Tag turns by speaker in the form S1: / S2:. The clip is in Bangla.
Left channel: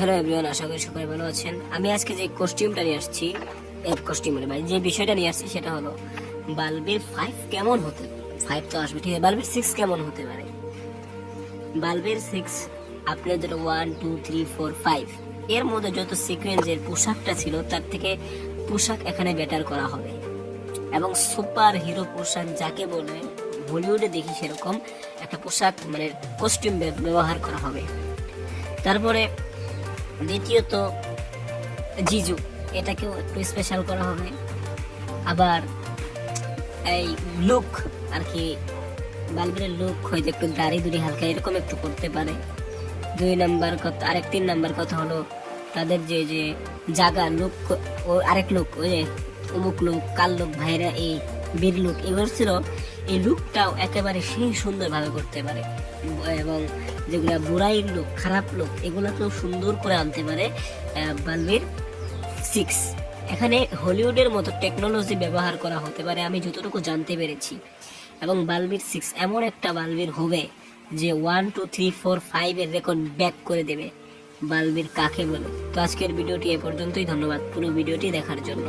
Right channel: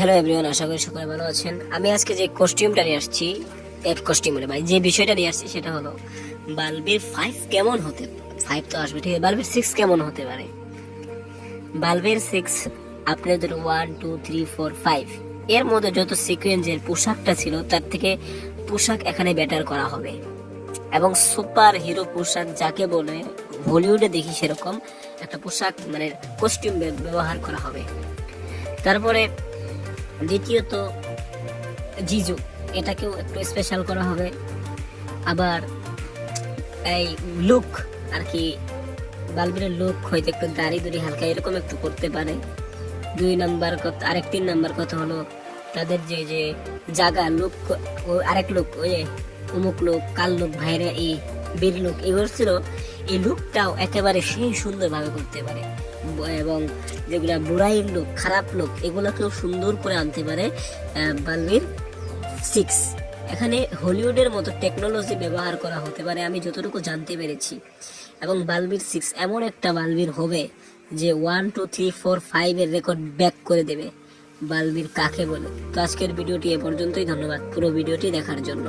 S1: হ্যালো এভরিওয়ান, আশা করি সকলে ভালো আছেন। আমি আজকে যে কস্টিউমটা নিয়ে আসছি, এফ কস্টিউম মানে ভাই যে বিষয়টা নিয়ে আসছি সেটা হলো, বাল্বের ফাইভ কেমন হতে ফাইভ তো আসবে, ঠিক আছে? বাল্বের সিক্স কেমন হতে পারে? বাল্বের সিক্স আপনার ধরো one two three four five এর মধ্যে যত সিকোয়েন্সের পোশাকটা ছিল, তার থেকে পোশাক এখানে বেটার করা হবে। এবং সুপার হিরো পোশাক যাকে বলে, বলিউডে দেখি সেরকম একটা পোশাক মানে কস্টিউম ব্যবহার করা হবে। তারপরে দ্বিতীয়ত জিজু, এটাকেও একটু স্পেশাল করা হবে। আবার এই লুক আর কি বাল্বের লুক হয়তো একটু দাড়ি দুড়ি হালকা এরকম একটু করতে পারে। দুই নাম্বার কথা আরেক তিন নাম্বার কথা হলো তাদের যে যে জায়গা লুক আরেক লোক, ওই অমুক লোক, কাল লোক ভাইরা এই বীর লুক এগুলো ছিল এই লুকটাও একেবারে সেই সুন্দরভাবে করতে পারে। এবং যেগুলা বুড়াইর লোক খারাপ লোক এগুলাকেও সুন্দর করে আনতে পারে আহ, সিক্স এখানে হলিউডের মতো টেকনোলজি ব্যবহার করা হতে পারে আমি যতটুকু জানতে পেরেছি। এবং বালবির সিক্স এমন একটা বালবির হবে যে ওয়ান টু থ্রি ফোর ফাইভের রেকর্ড ব্যাক করে দেবে বালবির কাকে বলে। তো আজকের ভিডিওটি এ পর্যন্তই ধন্যবাদ পুরো ভিডিওটি দেখার জন্য।